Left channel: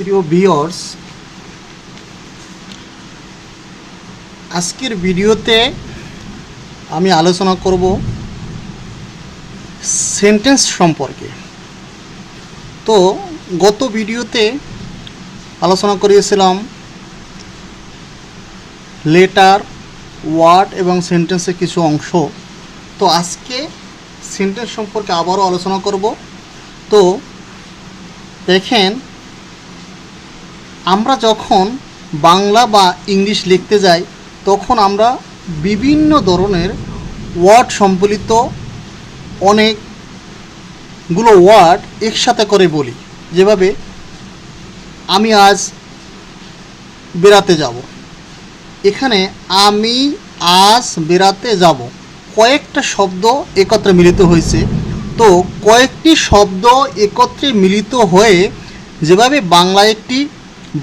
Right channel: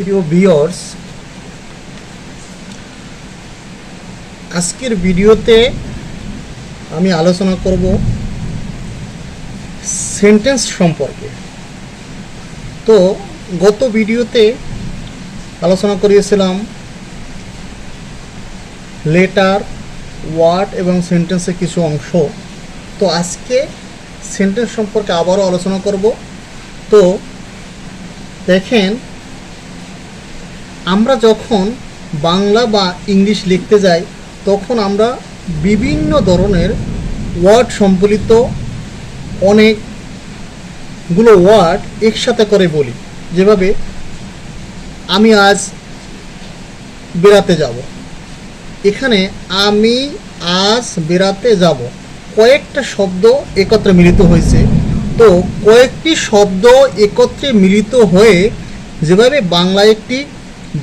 প্রিয় ভিউয়ার্স, আজকের ভিডিওতে আমি আলোচনা করব সেন্টেন্স সম্পর্কে। তো গত ভিডিওতে আলোচনা করিয়েছিলাম লেটার, ওয়ার্ড এবং সেন্টেন্সের কিছু অংশ। তো আজকে সেন্টেন্স সম্পর্কে আবারও আলোচনা করব। তো দেখেন, আমরা যখন বাংলা বা ইংলিশ লিখতে যাই তখন আমরা বিভিন্ন ধরনের ওয়ার্ড সম্বলিত অনেকগুলো ওয়ার্ড একসাথে করে বলি। যেভাবে আমি আজ বেড়াতে যাব, এখানে আমি আজ বেড়াতে যাব কয়েকটা শব্দ একত্রে মিলিত হয়েছে। তো কয়েকটি শব্দ একত্রে মিলিত হয়ে যেভাবে বাংলায় একটি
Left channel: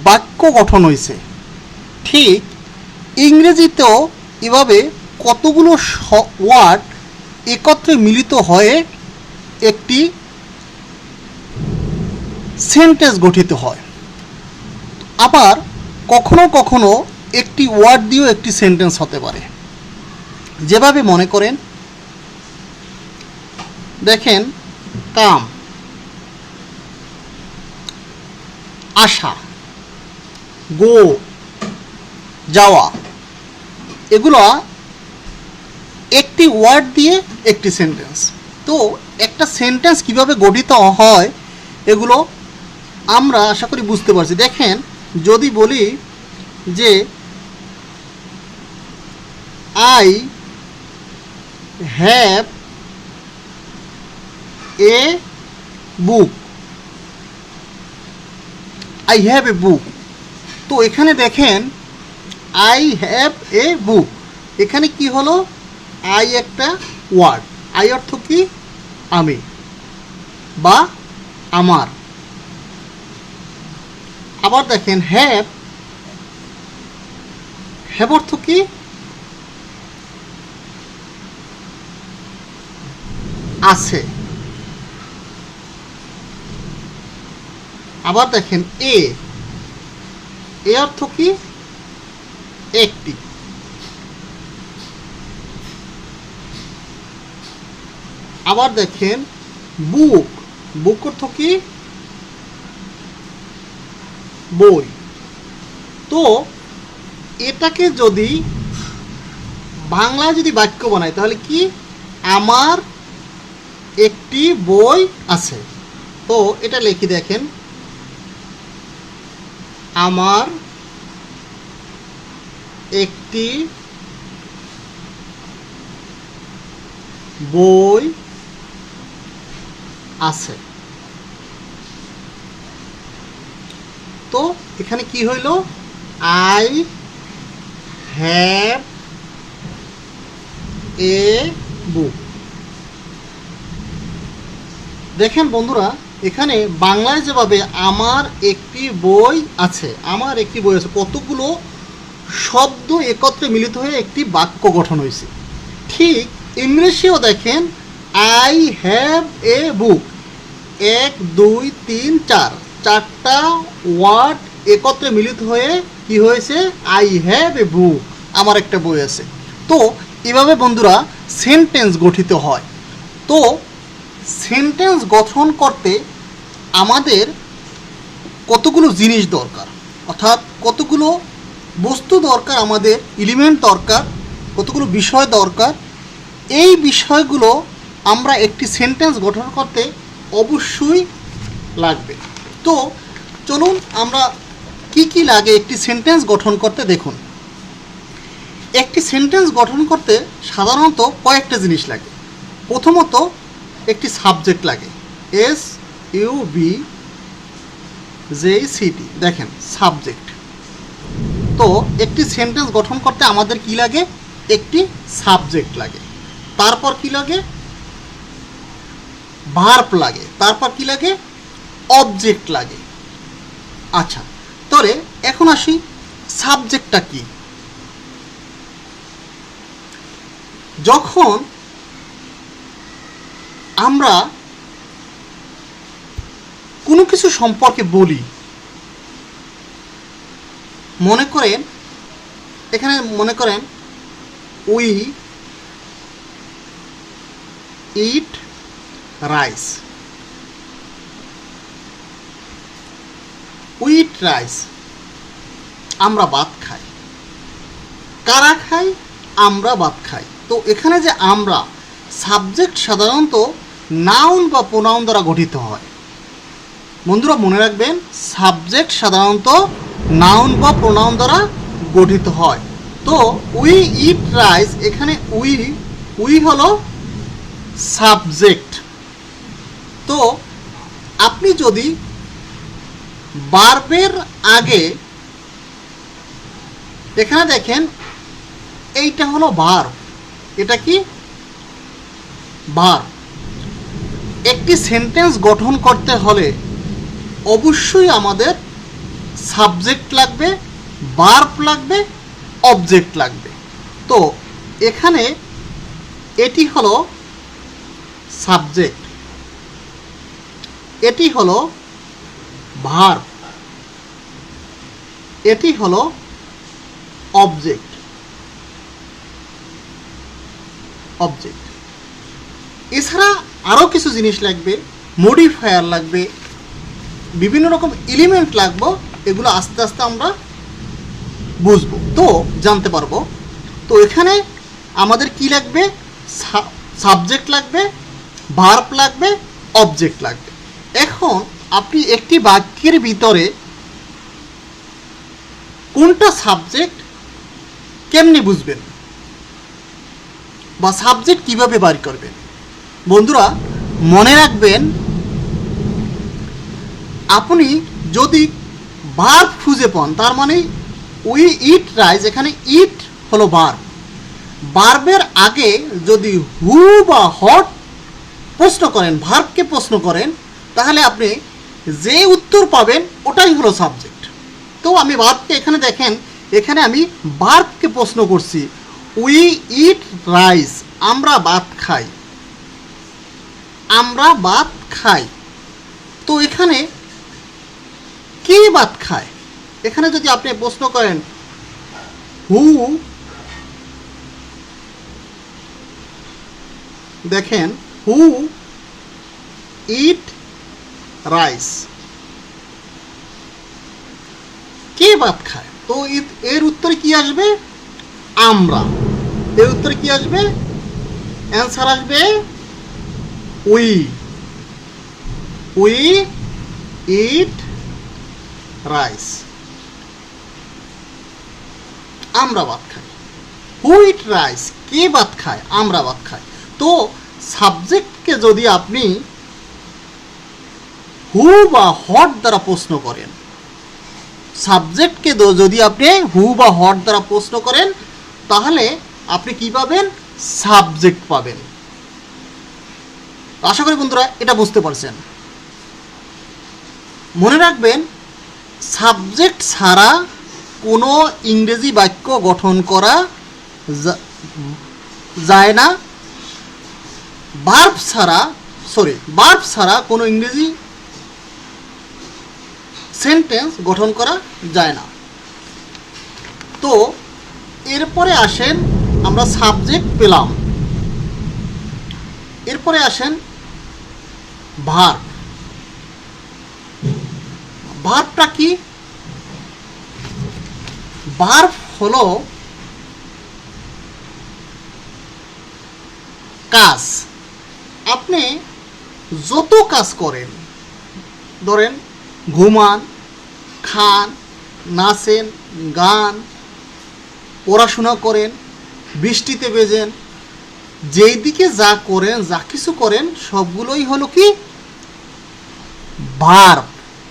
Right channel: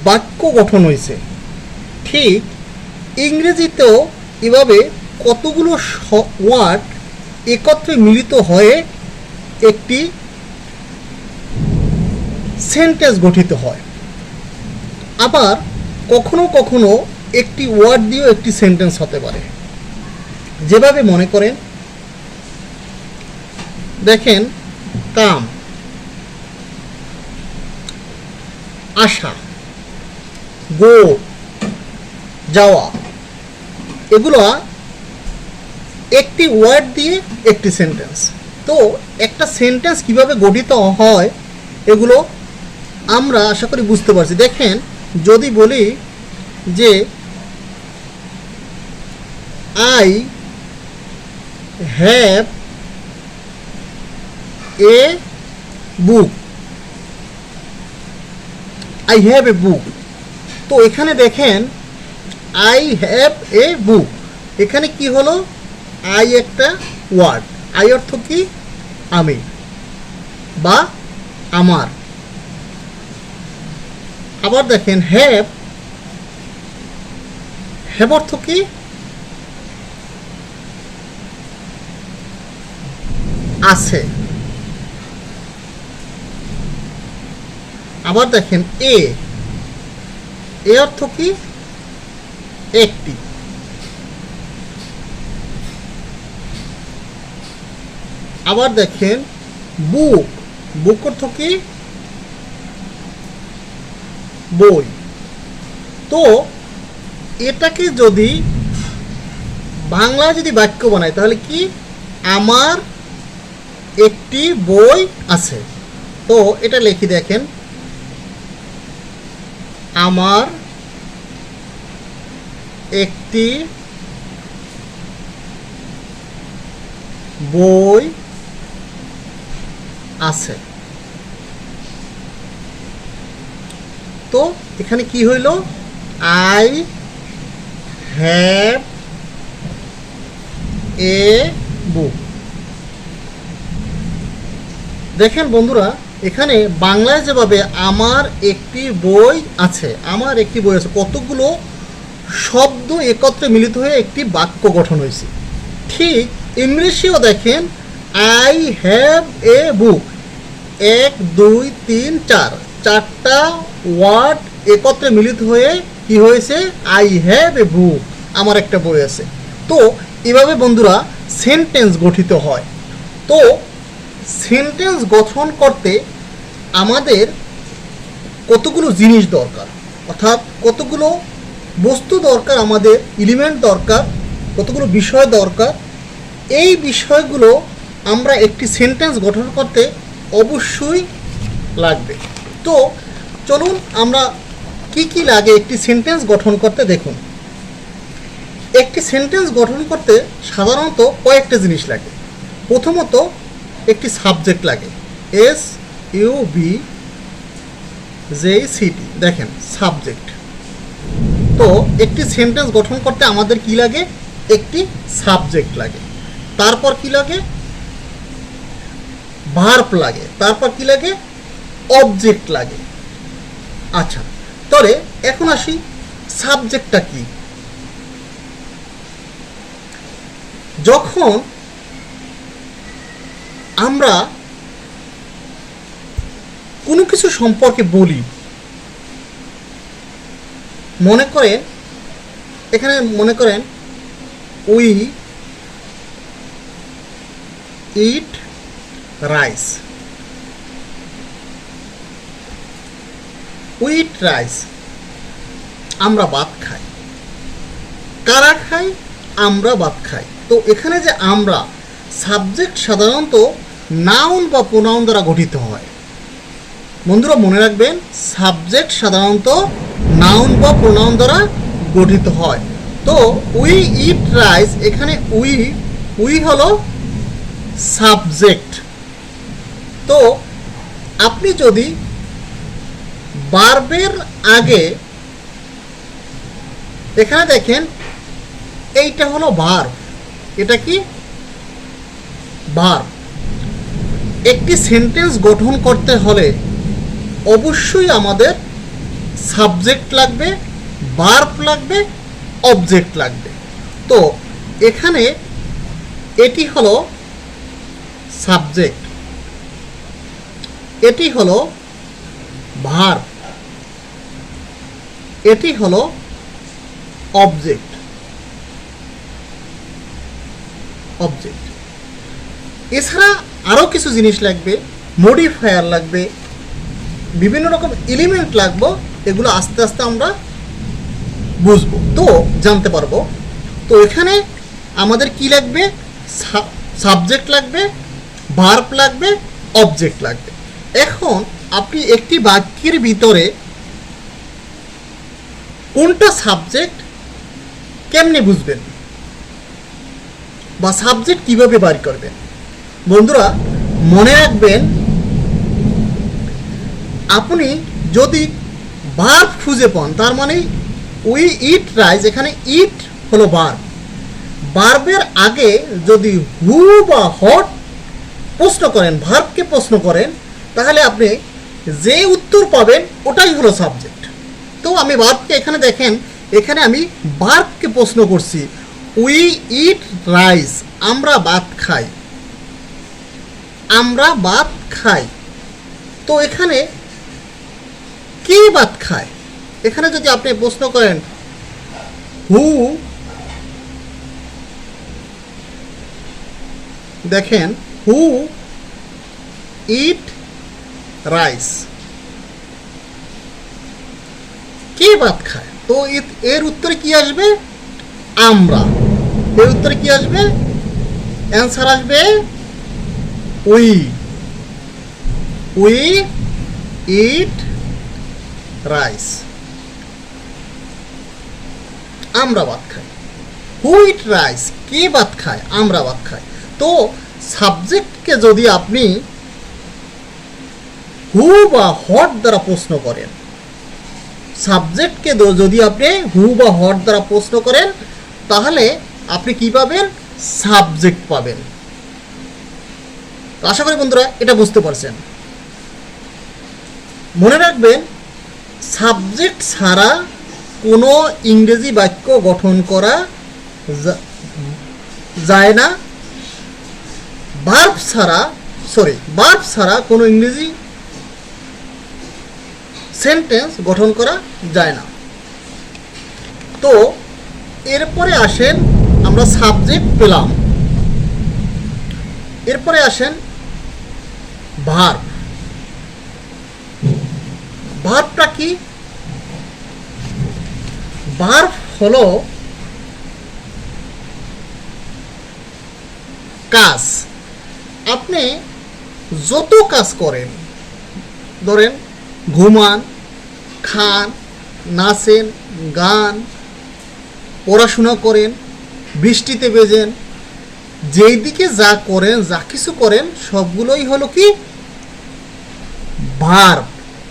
বাক্য গঠন হয়েছে, ঠিক ইংরেজিতেও এভাবে কতগুলো ওয়ার্ড একত্রে মিলিত হয়ে একটি সেন্টেন্স গঠিত হয়। আবার কখনো কখনো একটি ওয়ার্ড দিয়েও একটি সেন্টেন্স হতে পারে। যেভাবে মনে করেন, দেখেন, কাম, আসা, গো, যাওয়া, এগুলো একটি ওয়ার্ড দিয়ে একটি সেন্টেন্স। তো একটা সেন্টেন্স কিভাবে গঠিত হয় এগুলো আমরা আশা করি বুঝতে পারছি। দেখেন, যদি বলি যে I have a book, I have a book. তো এখানে দেখেন, আই হ্যাভ এ বুক, এখানে কি হলো, আই একটা ওয়ার্ড। আই অর্থ কি, আমি বা আমার। আবার দেখেন, হ্যাভ, হ্যাভ অর্থ কি, আছে। আবার দেখেন, এ, এ অর্থ কি, একটি। আবার দেখেন, বুক, বুক অর্থ কি, বই। তো এটাকে যদি বাংলায় যদি বাক্য বানাই তাহলে কি, আমার একটি বই আছে। তো এটা লিখি, দেখেন, আমার একটি বই আছে। তো এখানে কি হইল, আই হ্যাভ এ বুক। দেখেন বন্ধুরা, এখানে বাংলায় যেভাবে আমার একটি বই আছে, আমার একটি বই আছে, কতগুলো শব্দ একত্রে মিলিত হয়ে একটি বাক্য গঠন হয়েছে। ঠিক ইংলিশেও দেখেন, আই হ্যাভ এ বুক, 1 2 3 4, চারটা ওয়ার্ড একত্রে মিলিত হয়ে কি হয়েছে, আই হ্যাভ এ বুক, আমার একটা বই আছে। তো এভাবে বন্ধুরা সেন্টেন্স গঠিত হয়। তো সেন্টেন্স গঠন করতে আমাদের কতগুলো জিনিস দরকার, অর্থাৎ কতগুলো বস্তু দরকার, আমাদের এলিমেন্ট দরকার, কতগুলো বিষয় দরকার। এই বিষয়গুলো আমরা একটি সেন্টেন্স গঠন করতে অবশ্যই লাগবে। তো চলুন আমরা কি কি লাগে একটি সেন্টেন্স গঠন করতে দেখুন। একটি সেন্টেন্স গঠন করতে সাধারণত কয়েকটা জিনিস লাগে। প্রথমত একটি সাবজেক্ট লাগে, SUBJECT, দেখেন, সাবজেক্ট। তো একটি সেন্টেন্স গঠন করতে আমাদের কি লাগে, একটি সাবজেক্ট লাগে। তারপর কি লাগে, ভার্ব লাগে। তারপর কি লাগে, অবজেক্ট লাগে। আচ্ছা, তাহলে এখন আসি, সাবজেক্টটা কি। যখন আমরা কোনো কিছু সম্পর্কে বলি, মনে করেন এখানে মনে করেন we eat rice, we eat rice, আমরা ভাত খাই। কারা খাই? আমরা ভাত খাই। তো এখানে যে আমরা, সাবজেক্ট সাধারণত নাউন বা প্রোনাউন দ্বারা গঠিত হয়। বন্ধুরা মনে রাখবেন, সাবজেক্ট সাধারণত নাউন বা প্রোনাউন দ্বারা গঠিত হয়। তো উই ইট রাইস, এখানে উই হলো সাবজেক্ট। তো আপনি যদি ভার্বের আগে, এখানে দেখেন এইটা হলো ভার্ব, এটা কি ভার্ব। একটি সেন্টেন্স গঠন করতে হলে অবশ্যই আমাদের সাবজেক্ট লাগবে, ভার্ব লাগবে, অবজেক্ট লাগবে। তো এখানে এটি হলো সাবজেক্ট, এটি হলো ভার্ব, এটি হলো অবজেক্ট। এছাড়া আরও কিছু জিনিস লাগবে, মডিফায়ার লাগবে, বিভিন্ন রকম এলিমেন্ট লাগবে। এগুলো আস্তে আস্তে আমরা বুঝবো, তো জানতে পারবো। তো এখানে আমাদের কি লাগবে? সাবজেক্ট লাগবে, ভার্ব লাগবে, অবজেক্ট লাগবে। এখন আপনি একটি বাক্যের ভিতরে কোনটা সাবজেক্ট কেমনে বুঝবেন, বা সাবজেক্ট কিভাবে বার করবেন? বন্ধুরা মনে রাখবেন, আপনি যদি ভার্ব খুঁজে পান, তার মানে উই ইট রাইস, এখানে ইট হলো ভার্ব। ভার্বের আগে যদি হু বা হট প্রশ্ন করেন, ভার্বকে প্রশ্ন করেন, তাহলে আপনি যে উত্তর পাবেন ওটাই হলো সাবজেক্ট। তো আমি ভার্বকে, এখানে দেখেন, এখানে আমি ভার্বকে প্রশ্ন করছি, উই ইট রাইস, আমরা ভাত খাই, আমরা ভাত খাই। তো এখানে কে ভাত খায়? এখানে যদি আপনি প্রশ্ন করেন হু, দেখেন হু ইট রাইস, কে ভাত খায়? তো এর উত্তরে কি আসবে? আমরা। এর উত্তরে কি আসবে? অ্যান্সার আসবে উই ইট রাইস, আমরা ভাত খাই। হু ইট রাইস, কে ভাত খায়? আমরা ভাত খাই। তো সাবজেক্টকে যদি আপনি হু বা হট দ্বারা প্রশ্ন করেন, সাবজেক্টকে যদি আপনি হু বা হট দ্বারা প্রশ্ন করেন, তাহলে আপনি কি পাবেন? সাবজেক্ট পাবেন। আশা করি বন্ধুরা এটা বুঝতে পারছেন। মনে রাখবেন, সাবজেক্ট ছাড়া কোনো ইংরেজি বাক্য গঠন করা যায় না। ভার্ব ছাড়া কোনো ইংরেজি সেন্টেন্স গঠন করা যায় না। তো এরপরে আসেন, আমরা সাবজেক্ট পেলাম, এরপরে আসেন ভার্ব। ভার্বটা কি? ভার্ব হলো কাজ। আপনি যত কাজ করেন, ধরেন ঘুমান, খান, নাচেন, গান, পড়াশোনা করেন, বৃষ্টিতে ভেজেন, যেই দিকে যা করেন, যা কিছু করেন, সবগুলোই হলো কি? ভার্ব,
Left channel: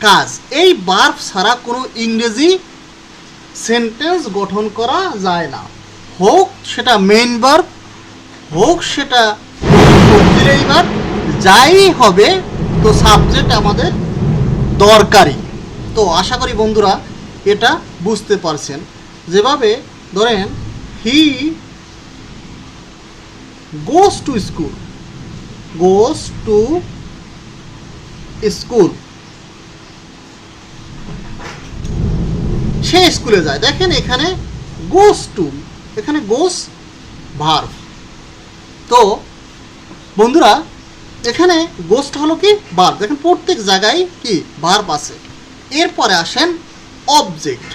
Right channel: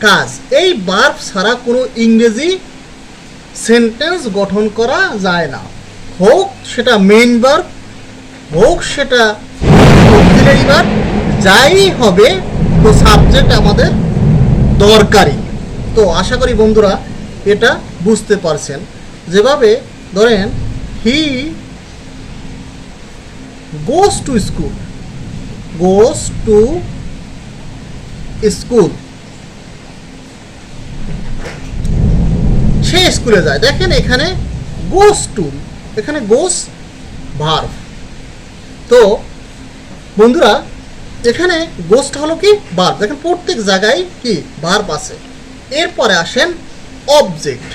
কাজ। এই ভার্ব ছাড়া কোনো ইংরেজি সেন্টেন্স গঠন করা যায় না। হোক সেটা মেইন ভার্ব, হোক সেটা অক্সিলারি ভার্ব, যাই হবে, তো সাবজেক্ট আমাদের দরকারি। তো আশা করি বন্ধুরা এটা বুঝতে পারছেন। যেভাবে ধরেন হি গোস টু স্কুল, সে সে স্কুলে যায়। দেখেন এখানে গোস টু, এখানে গোস ভার্ব। তো বন্ধুরা এখানে গোসটা হলো কি ভার্ব, দেখেন প্রত্যেক জায়গায় কি ভার্ব আছে। এরপরে আসেন অবজেক্ট।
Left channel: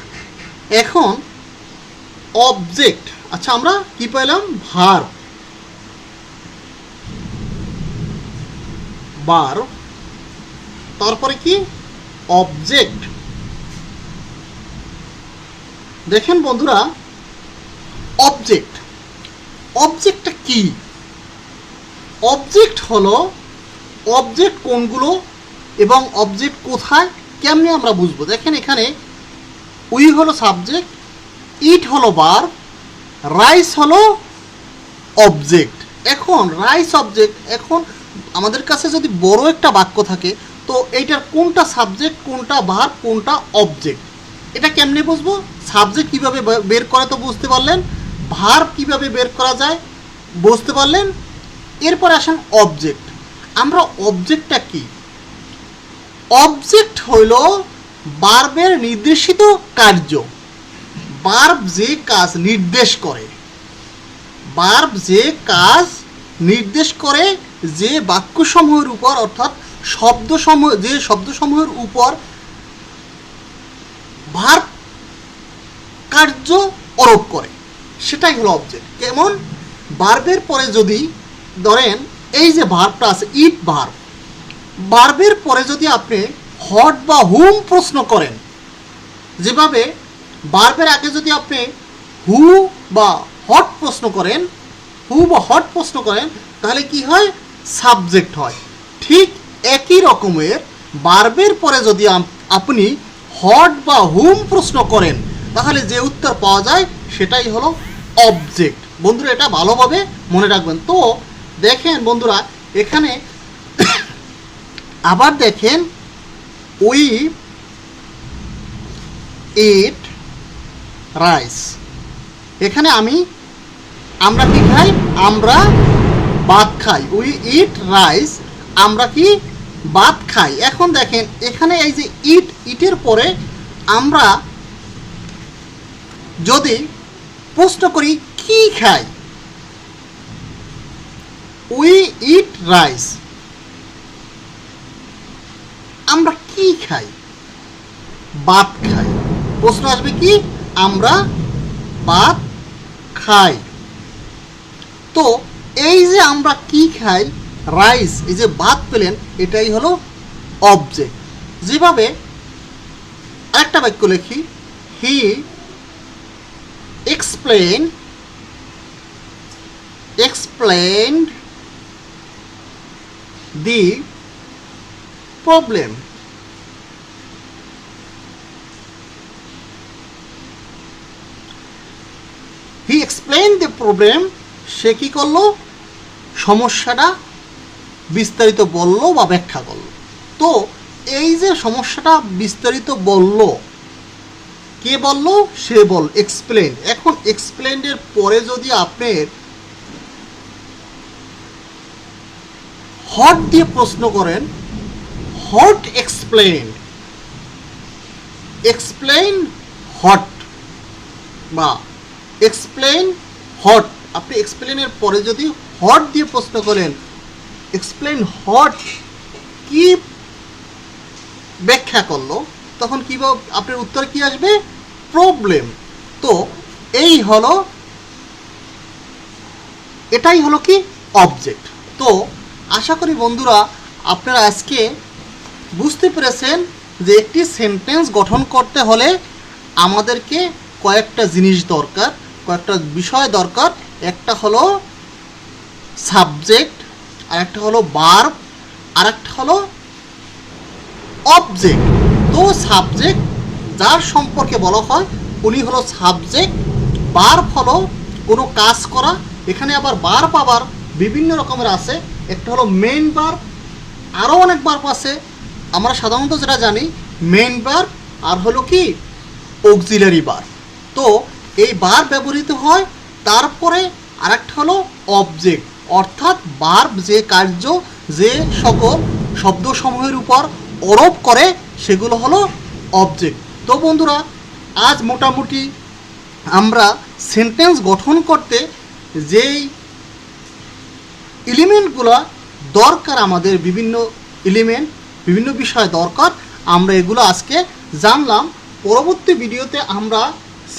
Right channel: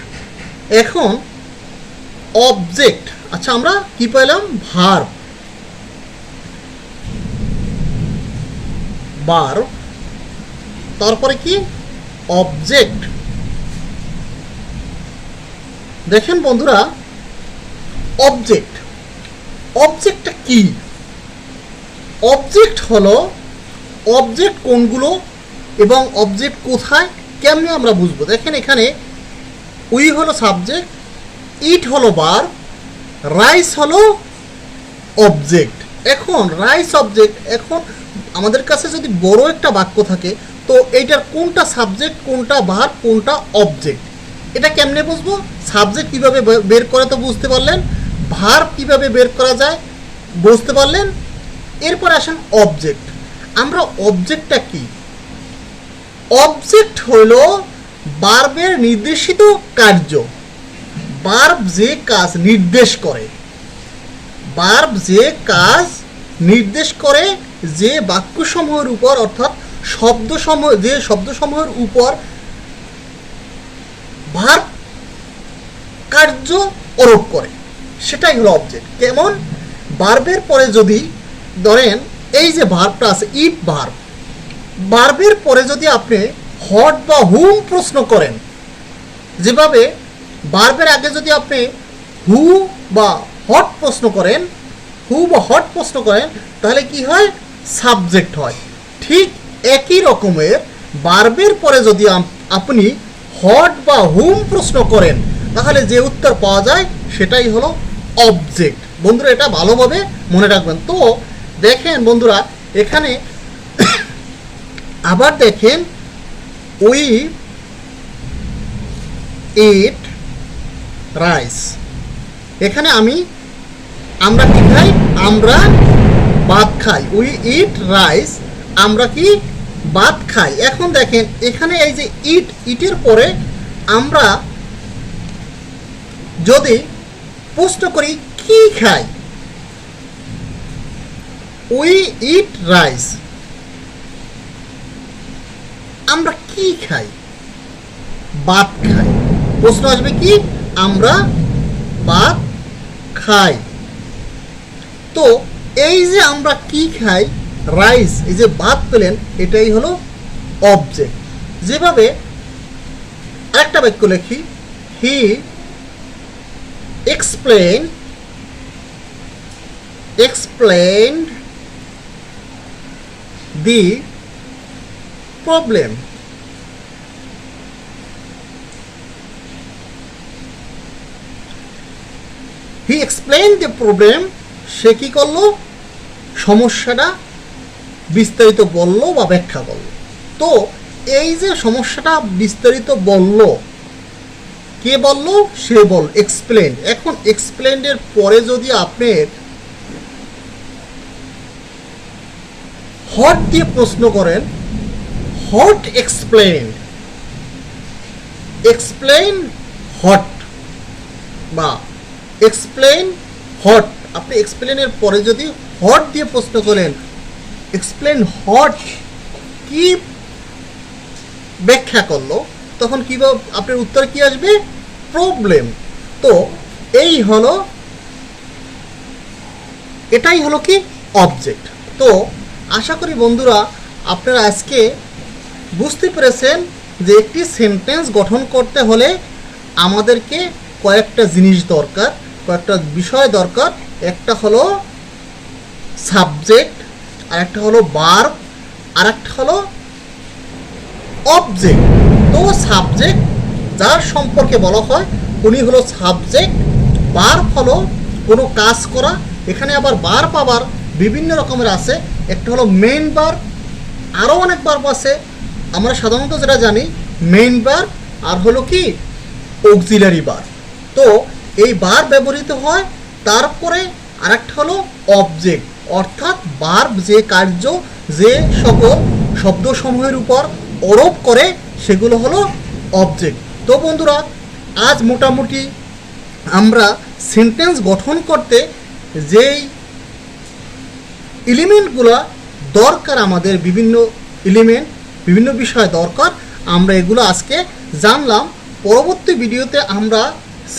এখন অবজেক্ট, আচ্ছা আমরা কি পেলাম, ভার্ব, ভার্ব, তারপরে কি অবজেক্ট। দেখেন বন্ধুরা অবজেক্ট, অবজেক্টটা কি? অবজেক্ট হলো, অবজেক্ট কোনগুলো এবং অবজেক্ট কোথায় কেমনি আমরা বুঝবো। দেখেন এখানে উই হলো সাবজেক্ট, ইট হলো ভার্ব, রাইস হলো অবজেক্ট। এখন রাইস অবজেক্ট, এখন আমাদের কাছে যদি বড় একটা বাক্য থাকে তো এইটার কোনটা সাবজেক্ট, কোনটা ভার্ব, কোনটা অবজেক্ট, এটা কেমনে বুঝবো? সাবজেক্ট কিভাবে বের করে তো বুঝতে পারলেন, ভার্ব কিভাবে বের করা যায় বুঝতে পারলেন। এরপর আসুন অবজেক্ট। আমরা অবজেক্টটা কি? অবজেক্ট হইল ভার্বের নির্দেশিত কার্য, ভার্ব যে কাজ নির্দেশ করে, ভার্ব যে কাজ নির্দেশ করে, যে বাক্যসমূহের উপর অর্থাৎ শব্দসমূহ, যে শব্দসমূহের উপর ভার্ব কার্য আরোপ করে, সেটাই হলো অবজেক্ট। কেমন? ভার্বের পরে যদি ধরেন এই যে ভার্বটা আছে ইট ভার্ব, ভার্বের পরে যদি আপনি হট বা হুম প্রশ্ন করেন, যেভাবে ভার্বের আগে যদি আপনি হু বা হট প্রশ্ন করেন, হু বা হট প্রশ্ন করেন, তাহলে কি হয়? সাবজেক্ট হয়। ঠিক একই রকমের ভার্বের পরে যদি আপনি হট বা হুম প্রশ্ন করেন, তাহলে যে উত্তর পাওয়া যায় সেটাই হলো অবজেক্ট। বন্ধুরা এটা ভালোভাবে মনে রাখবেন। তো দেখেন বন্ধুরা এখানে আবার দেখেন উই ইট রাইস, এখানে আমরা কি খাই? আমরা ভাত খাই। উই ইট রাইস, আমরা কি ভাত খাই। এখন দেখেন এখানে এই যে ইটের পরে আমরা যদি প্রশ্ন করি কি খাই, উই ইট রাইস, আমরা কি খাই? ভাত খাই। প্রশ্ন আসবে কি? আমরা ভাত খাই। তো এই যে আমরা কি খাই, রাইস, এই যে ভাত পেলেন, এটাই হলো অবজেক্ট। যেভাবে আরেকটা বাক্য লিখি, হি explained the problem. He explained the problem, সে কি করলো? সমস্যাটা বিস্তারিত বলল বা ব্যাখ্যা করলো। তো এই যে সমস্যাটা বিস্তারিত বলল, কে বলল? সে বল, এক্সপ্লেন। এখন এক্সপ্লেনের পরে যদি আপনি হট দিয়ে প্রশ্ন করেন, হট এক্সপ্লেন, এক্সপ্লেন হট বা এক্সপ্লেন হট, আপনি এক্সপ্লেনের পরে যদি হট দিয়ে প্রশ্ন করেন, এক্সপ্লেন হট কি ব্যাখ্যা করলো, তখন কি আপনার উত্তর কি আসবে? প্রবলেম। তো এই হলো, এটাই হলো কি অবজেক্ট। তো আশা করি বন্ধুরা আপনারা আজকে বুঝতে পেরেছেন যে একটি সেন্টেন্স গঠন করতে হলে আমাদেরকে কয়েকটা জিনিস দরকার, কয়েকটা বিষয় দরকার। একটা হলো সাবজেক্ট, আর একটা হলো ভার্ব, আর একটা হলো অবজেক্ট। তো সাবজেক্ট যার সম্পর্কে বলা হয় উনি হলো সাবজেক্ট। ভার্ব হলো কোনো কাজ করা। এখানে আবার ভার্ব আবার বিভিন্ন রকমের আছে। একটা হলো মেইন ভার্ব, আরও অনেক ভার্ব আছে। আমরা সাধারণত যেটা জানি মেইন ভার্ব, আর হলো কি অক্সিলারি ভার্ব। তো এই ভার্ব ব্যবহৃত হয়। তারপরে আরেকটা হলো অবজেক্ট, অর্থাৎ ভার্ব যে কার্য, যে সকল শব্দসমূহের উপর আরোপ করে, সেগুলো হলো অবজেক্ট। তো বন্ধুরা আজ মোটামুটি আমরা সেন্টেন্স গঠন করতে যেই এলিমেন্টগুলো দরকার, আমাদের বিভিন্ন এলিমেন্ট, বিভিন্ন বিষয় দরকার, আমরা এগুলো আজকে জানলাম। পরবর্তী ভিডিওতে আমরা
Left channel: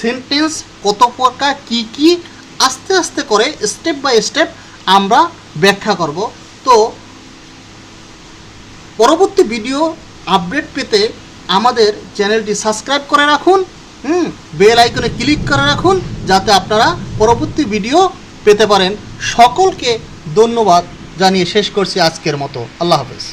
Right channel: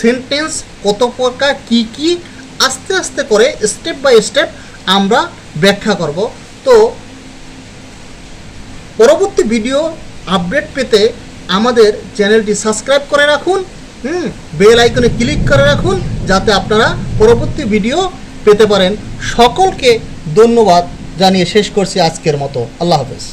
সেন্টেন্স কত প্রকার, কি কি, আস্তে আস্তে করে স্টেপ বাই স্টেপ আমরা ব্যাখ্যা করব। তো পরবর্তী ভিডিও আপডেট পেতে আমাদের চ্যানেলটি সাবস্ক্রাইব করে রাখুন, বেল আইকনে ক্লিক করে রাখুন, যাতে আপনারা পরবর্তী ভিডিও পেতে পারেন। সকলকে ধন্যবাদ জানিয়ে শেষ করছি আজকের মতো। আল্লাহ হাফেজ।